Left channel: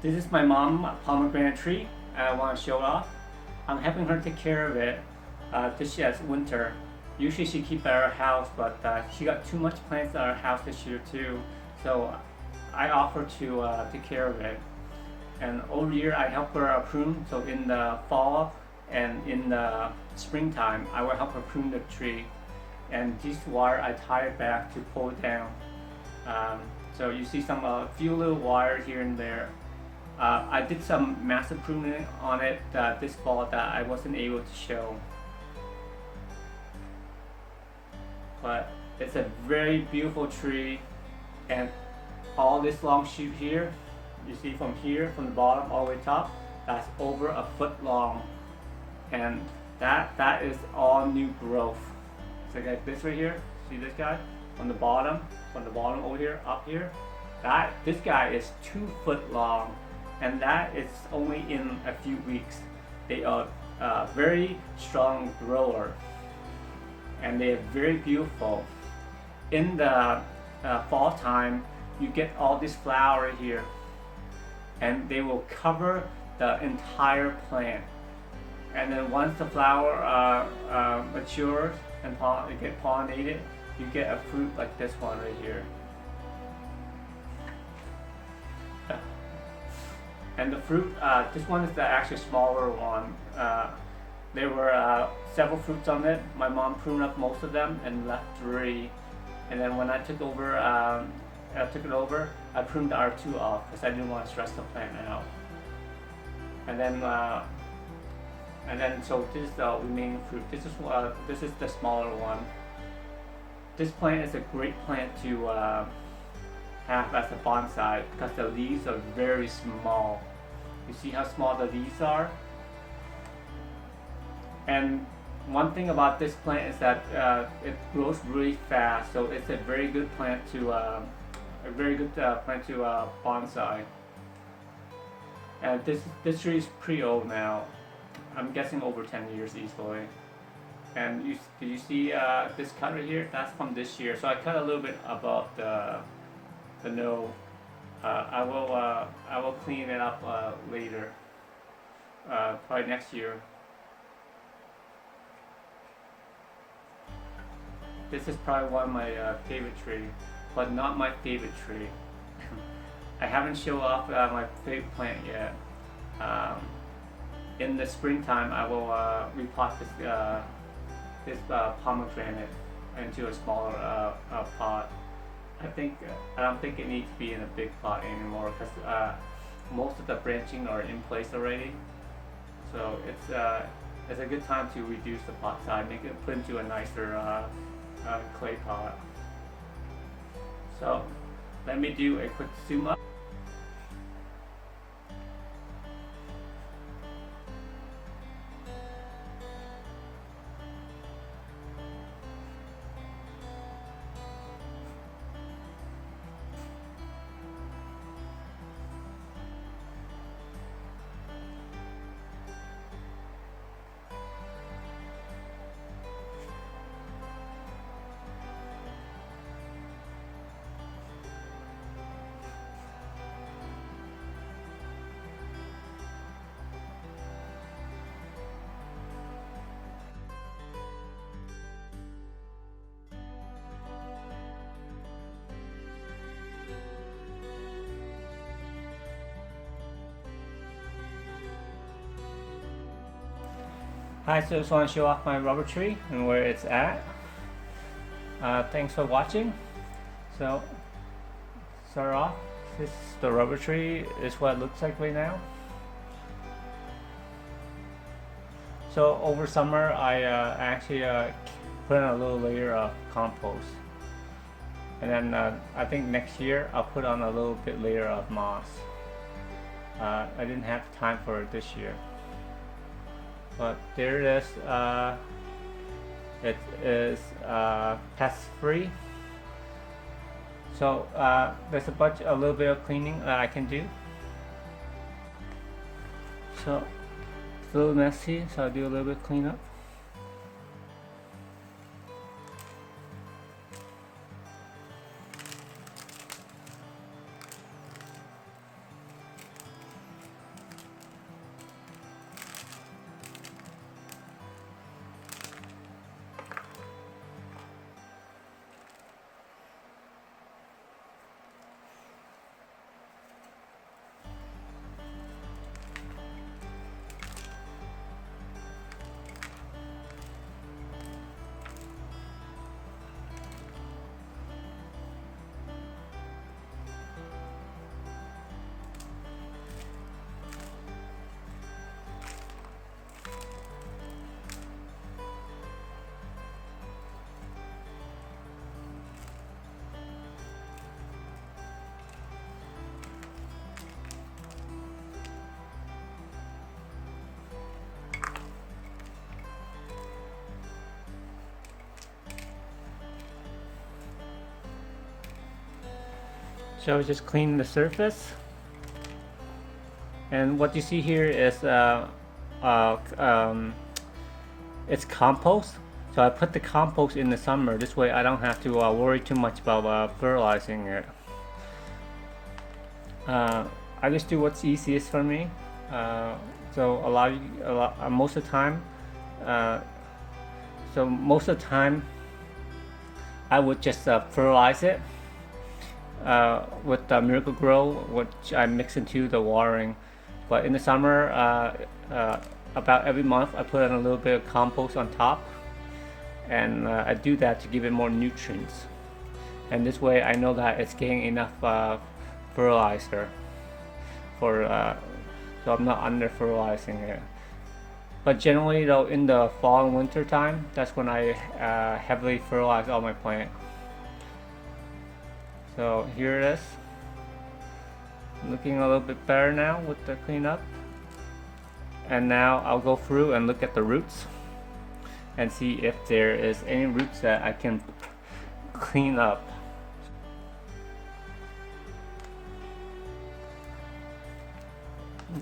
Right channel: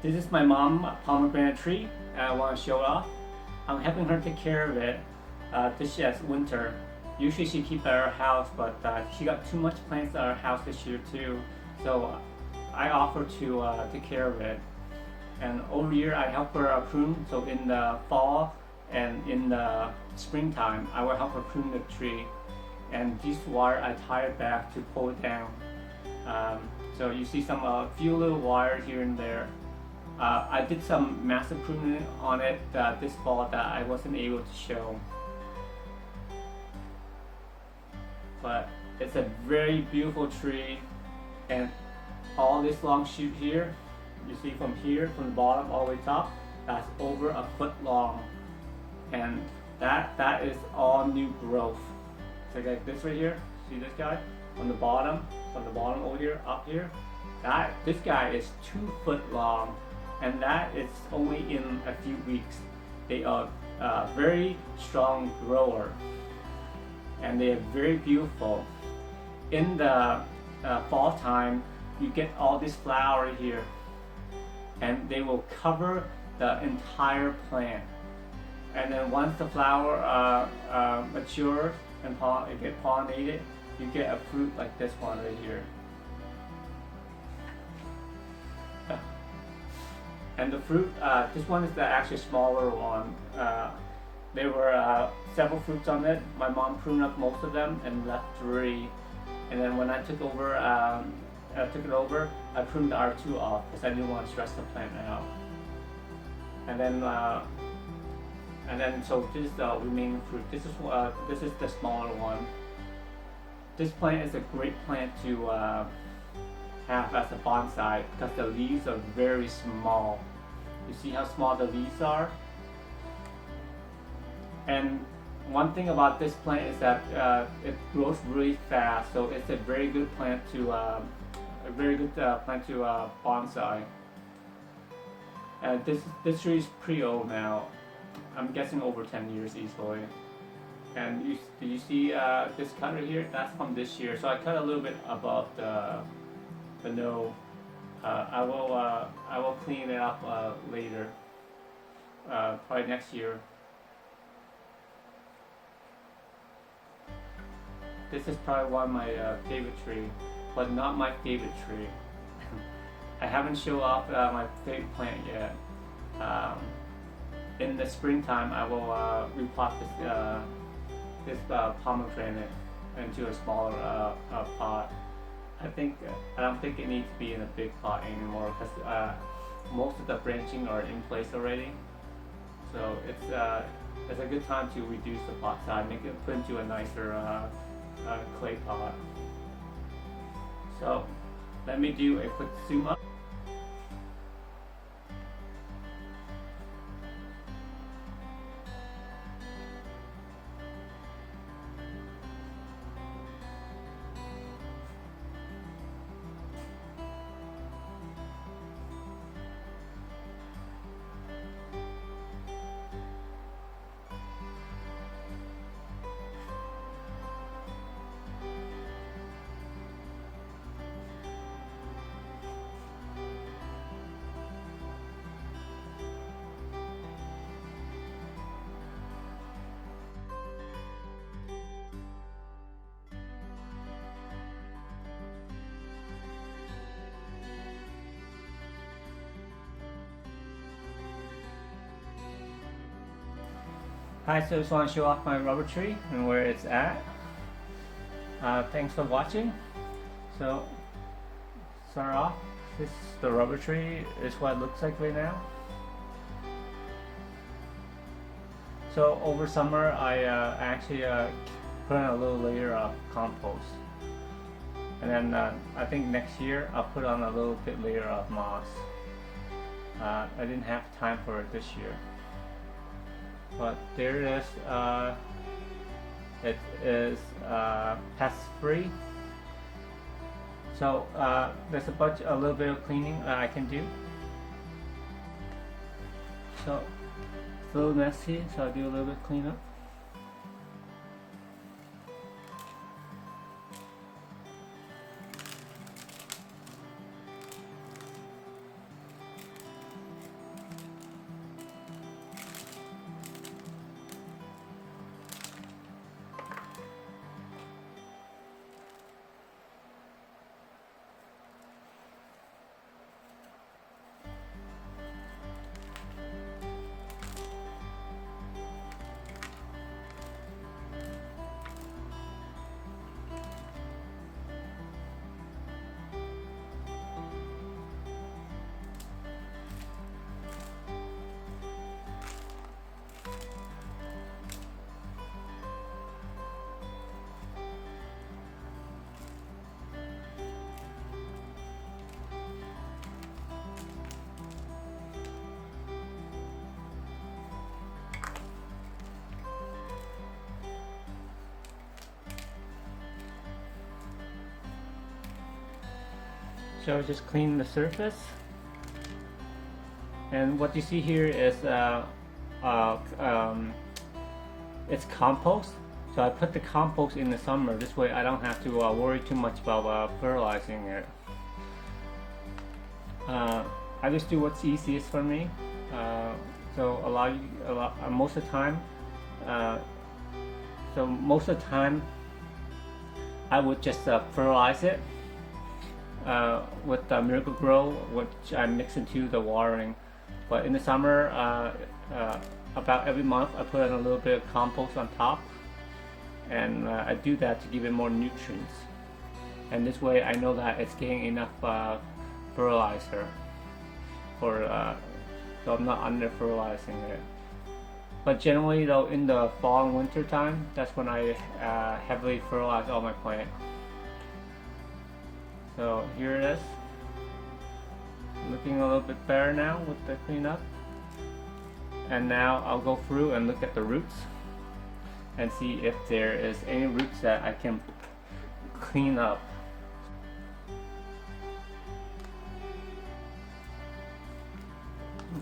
This is my mom pomegranate tree. I want to show off. I'm helping her take care of it. This year it's winter. Usually she keep at our house, but she got too much plants at our house this year too. So I offer to take care of it. And over year I help her prune. So in the fall and in the springtime, I will help her prune the tree. And this wire I tie it back to pull it down. So you see some few little wires here and there. I did some massive pruning on it this fall that I wasn't able to show. But it's a very beautiful tree, and all this long shoot here, you see from here, from the bottom all the way top, that's over a foot long. And that is all new growth. So like this right here, see this guy? From the bottom over here, up here, this guy is 2 foot long, and that is only in a few weeks. They are very strong grower, and they are very beautiful. In the fall time, you get all this flower here, and they will cover the entire plant. And then once the flower matures and get pollinated, you get a fruit like this one right here. And the fruit, this one is the actually smaller one. There were several fruits on it. My mom pruned up most of them and left 3. And then when I took it over, I pruned the R2 off because I didn't want to stress the plant out. And then so this is the remaining fruit. This is the smaller one. This plant is a great plant to have as a bonsai because the leaves are very small. You see how small the leaves are? And one thing about this plant is that it grows really fast, so it's a very good plant to bonsai. And this tree is pretty old now. I'm guessing over 10 years easily. And do you see this cut right here? That's from this year. So I cut a little bit above the node. I will clean it up later, probably next year. This is probably one of my favorite tree, but not my favorite tree. I haven't shown off my favorite plant yet. In the springtime, I will repot this pomegranate into a smaller pot. I don't think it needs to be in a big pot anymore because most of the branching are in place already. So it's a good time to reduce the pot size, put into a nicer clay pot. So let me do a quick zoom up. Hi, so I just want to show off my rubber tree and where it's at. Thanks for watching. So, start off, the rubber tree is what it looks like right now. So over summer, I actually put in a little layer of compost. And then I think next year I'll put on a little bit layer of moss. I didn't have time for it this year. But there it is. It is pest free. So there's a little bit of cleaning that I can do. So it's a little messy, so I do a little bit of cleanup. So just clean the surface. And what you see here is it's compost. So I put the compost in the summer. This way I don't have to worry too much about fertilizing it. I just do what's easiest for me. So most of the time, I would just fertilize it with Miracle Grow, which I mix into the watering. But in the summer, about every month, I put in a little bit of compost on top, and I do that to give it more nutrients. And this way, I know that it's getting enough fertilizer so I'm not under fertilizing it. But generally, though, in the fall and winter time, that's when I heavily fertilize all my plants. So here it is. Looking a little bit better now with the cleanup. And now I'll go through and look at the roots and see if there is any roots that I can clean up.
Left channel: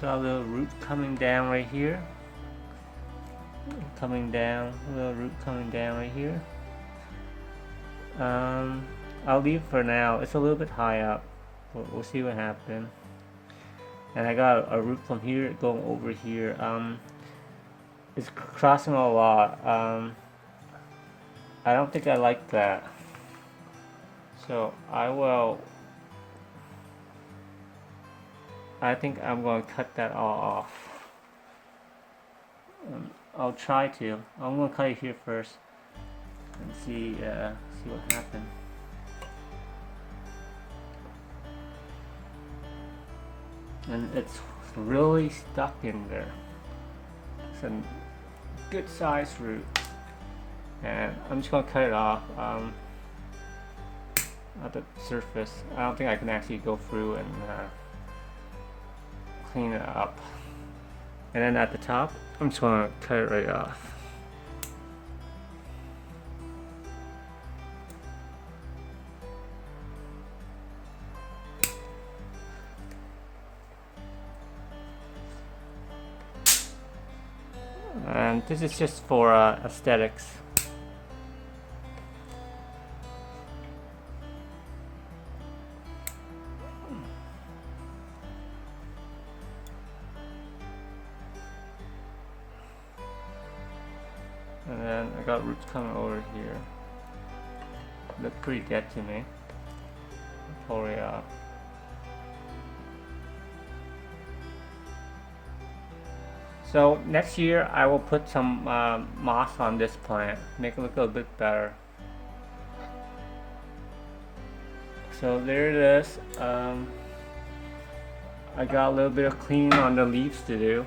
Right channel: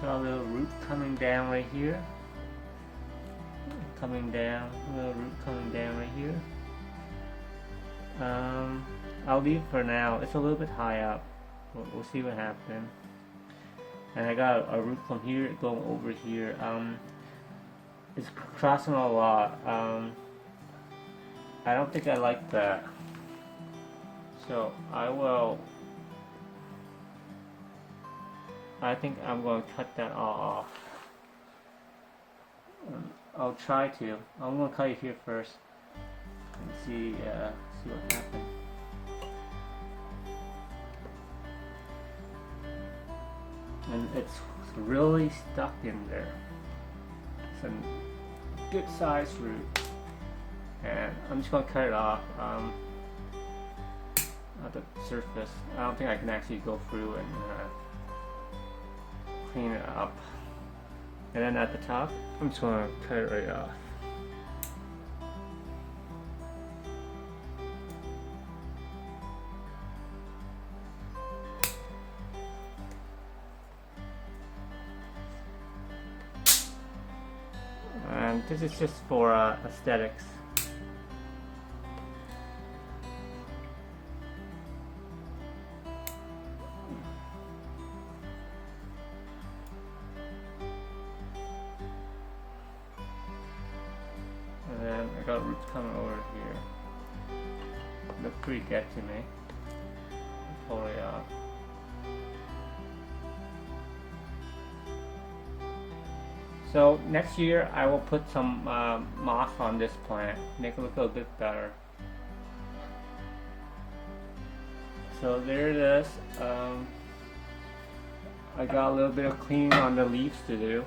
Got a little root coming down right here. A little root coming down right here. I'll leave for now. It's a little bit high up. We'll see what happens. And I got a root from here going over here. It's crossing a lot. I don't think I like that. So I think I'm going to cut that all off. I'll try to. I'm going to cut it here first and see what happens. And it's really stuck in there. It's a good size root, and I'm just going to cut it off at the surface. I don't think I can actually go through and clean it up. And then at the top, I'm just going to cut it right off. And this is just for aesthetics. And then I got roots coming over here. Look pretty dead to me. Pull it off. So next year I will put some moss on this plant, make it look a little bit better. So there it is. I got a little bit of cleaning on the leaves to do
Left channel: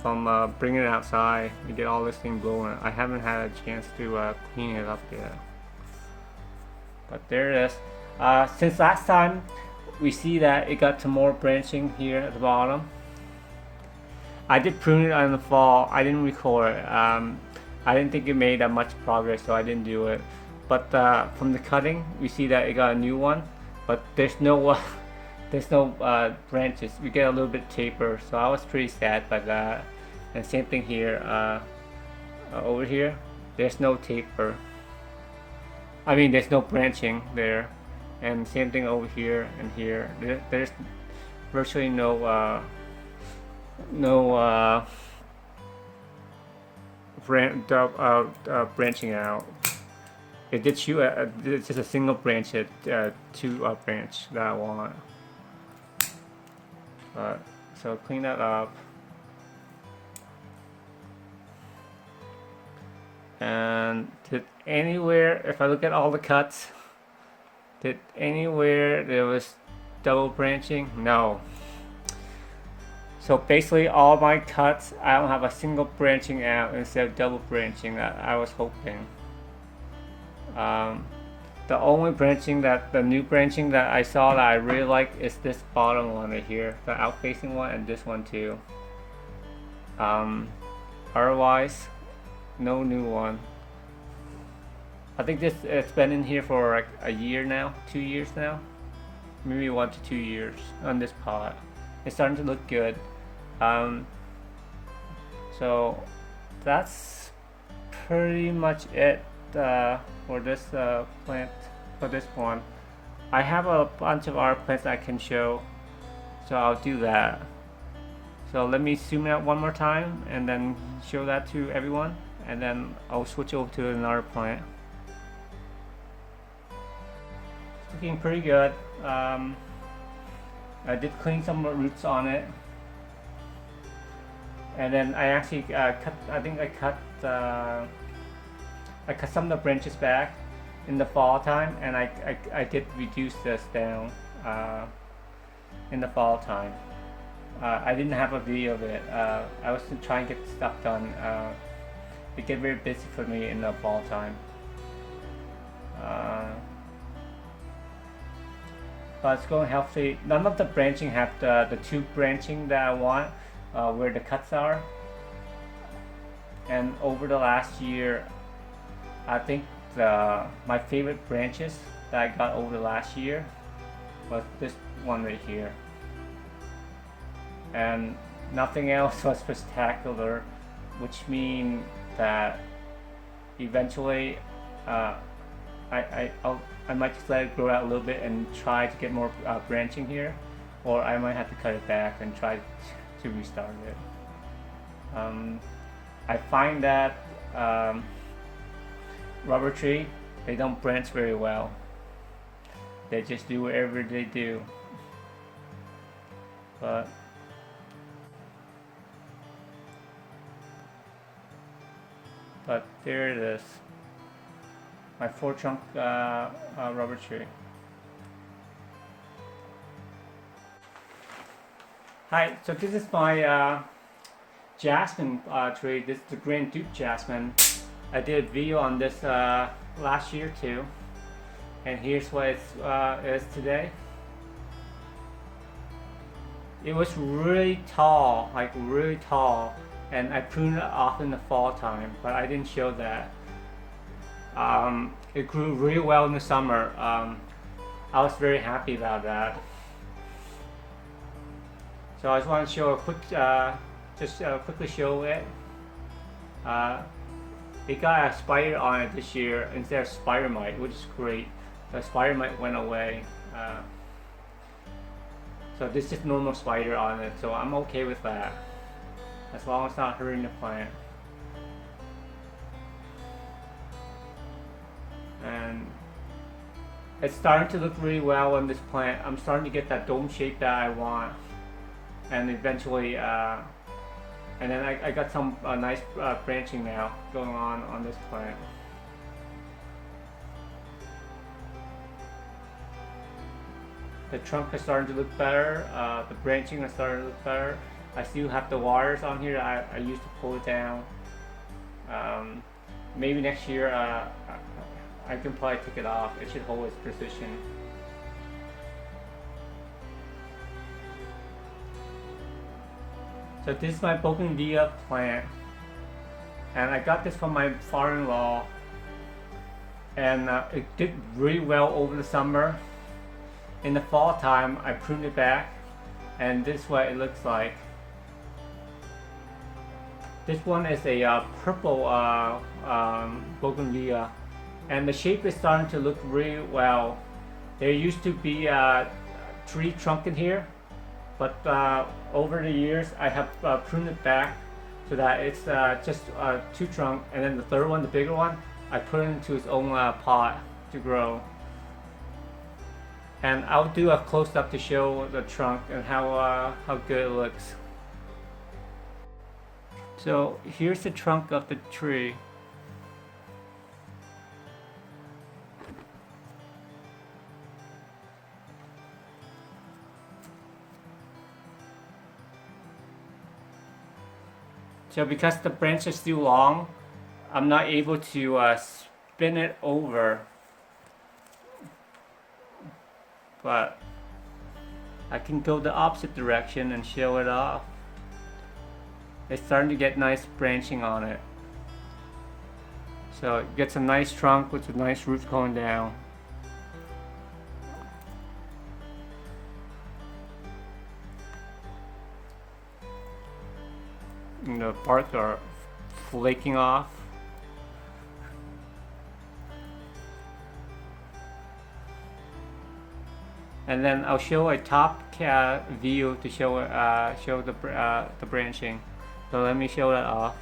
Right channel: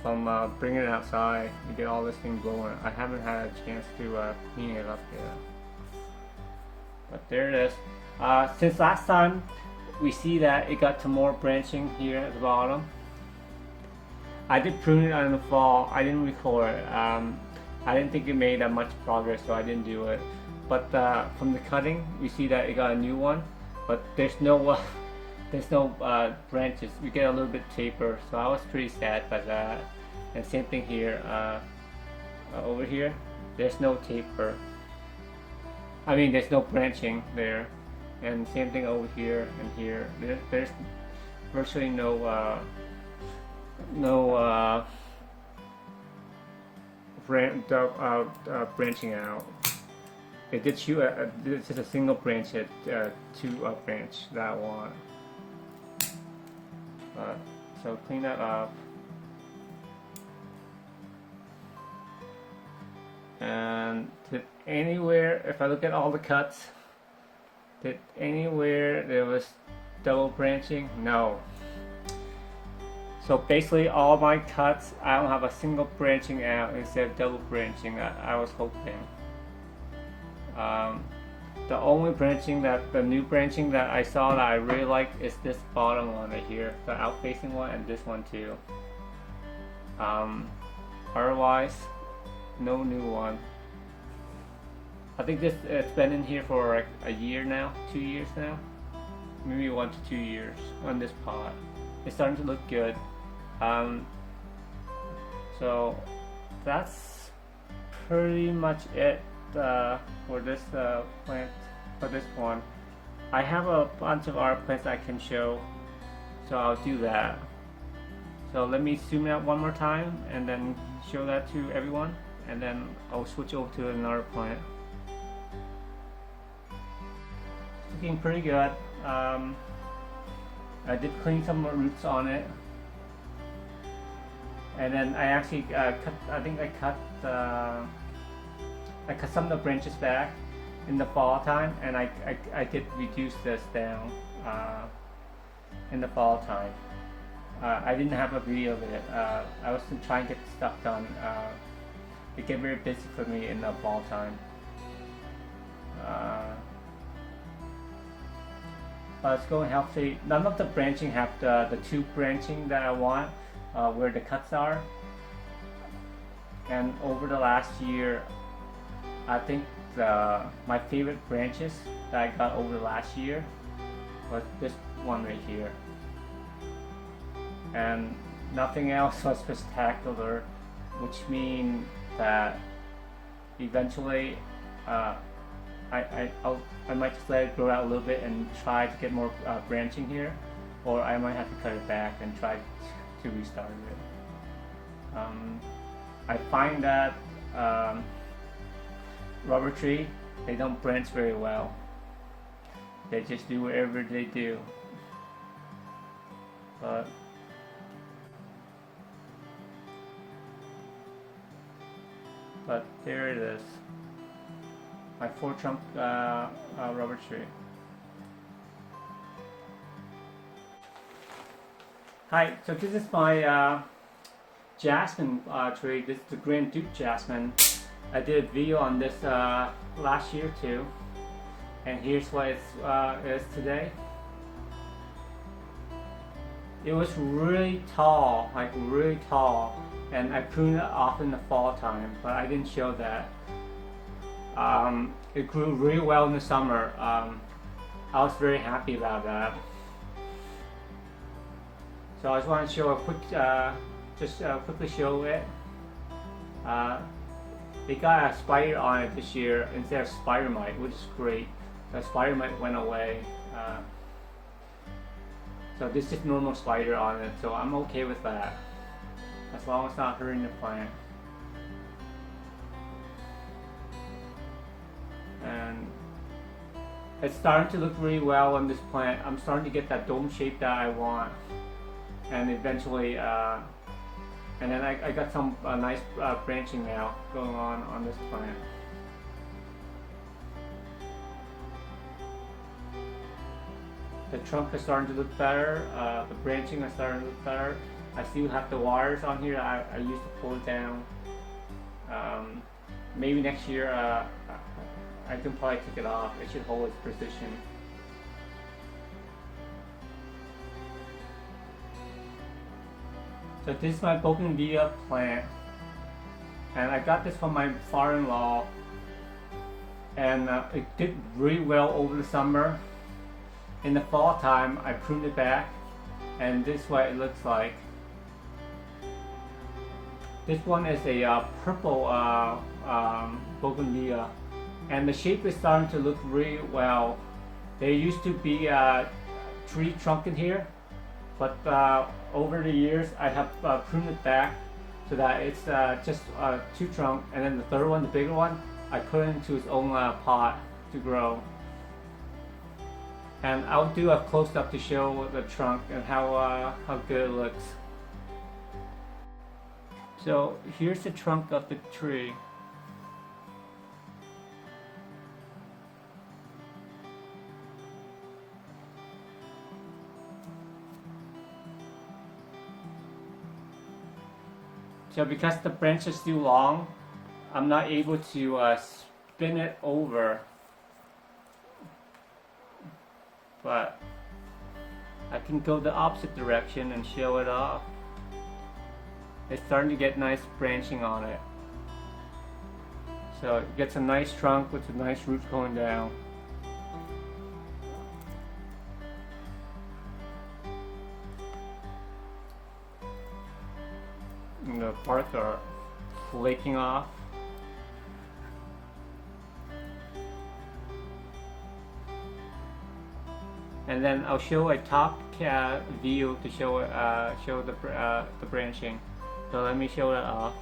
from bringing it outside and get all this thing going. I haven't had a chance to clean it up yet. But there it is. Since last time we see that it got some more branching here at the bottom. I did prune it in the fall. I didn't record it. I didn't think it made that much progress, so I didn't do it. But from the cutting, we see that it got a new one, but there's no branches. We get a little bit taper, so I was pretty sad by that. And same thing here. Over here, there's no taper. I mean, there's no branching there. And same thing over here and here. There's virtually no branching out. It did shoot it's just a single branch at two branch that I want. So clean that up. And did anywhere, if I look at all the cuts, did anywhere there was double branching? No. So basically all my cuts, I don't have a single branching out instead of double branching that I was hoping. The only branching the new branching that I saw that I really like is this bottom one right here, the out-facing one, and this one too. Otherwise, no new one. I think it's been in here for like a year now, 2 years now, maybe 1 to 2 years on this pot. It's starting to look good. So that's pretty much it for this plant, for this one. I have a bunch of other plants I can show, so I'll do that. So let me zoom out one more time and then show that to everyone, and then I'll switch over to another plant. Looking pretty good. I did clean some roots on it, and then I actually cut. I think I cut some of the branches back in the fall time, and I did reduce this down in the fall time. I didn't have a video of it. I was trying to get stuff done. It get very busy for me in the fall time. But it's going healthy. None of the branching have the two branching that I want, where the cuts are. And over the last year, I think my favorite branches that I got over the last year was this one right here. And nothing else was spectacular, which means that eventually I might just let it grow out a little bit and try to get more branching here, or I might have to cut it back and try to restart it. I find that rubber tree, they don't branch very well. They just do whatever they do. But there it is, my 4-trunk rubber tree. Hi, so this is my jasmine tree. This is the Grand Duke jasmine. I did a video on this last year too, and here's what it is today. It was really tall, like really tall, and I pruned it off in the fall time, but I didn't show that. It grew really well in the summer. I was very happy about that. So I just want to show a quick, quickly show it. It got a spider on it this year instead of spider mite, which is great. The spider mite went away. So this is just normal spider on it, so I'm okay with that, as long as it's not hurting the plant. And it's starting to look really well on this plant. I'm starting to get that dome shape that I want, and eventually, and then I got some nice branching now going on this plant. The trunk is starting to look better. The branching is starting to look better. I still have the wires on here that I used to pull it down. Maybe next year I can probably take it off. It should hold its position. So this is my Bogandia plant, and I got this from my father-in-law, and it did really well over the summer. In the fall time, I pruned it back, and this is what it looks like. This one is a purple Bougainvillea, and the shape is starting to look really well. There used to be a tree trunk in here, but over the years I have pruned it back so that it's just 2 trunk, and then the third one, the bigger one, I put it into its own pot to grow. And I'll do a close-up to show the trunk and how good it looks. So here's the trunk of the tree. So because the branch is still long, I'm not able to spin it over. But I can go the opposite direction and show it off. It's starting to get nice branching on it. So it gets a nice trunk with a nice roots going down. And the bark are flaking off. And then I'll show a top view to show the branching. So let me show that off.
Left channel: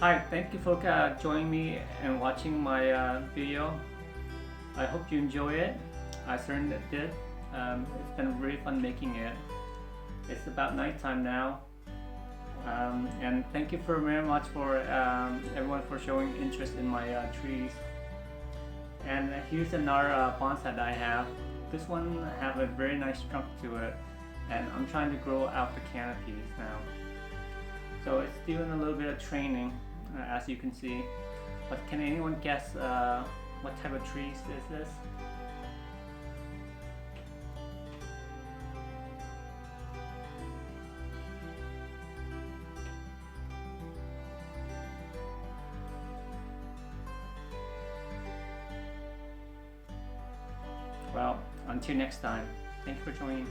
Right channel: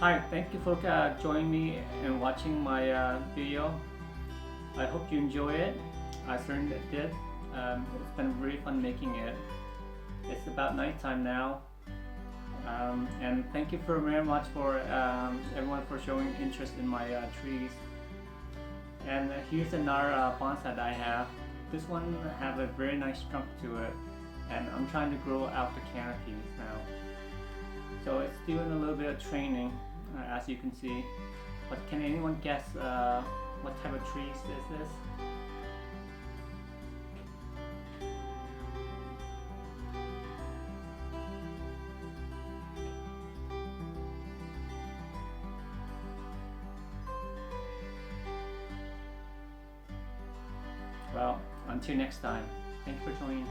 Hi, thank you for joining me and watching my video. I hope you enjoy it. I certainly did. It's been really fun making it. It's about nighttime now. And thank you very much for everyone for showing interest in my trees. And here's another bonsai that I have. This one have a very nice trunk to it, and I'm trying to grow out the canopies now. So it's still in a little bit of training, as you can see. But can anyone guess what type of trees is this? Well, until next time, thanks for joining.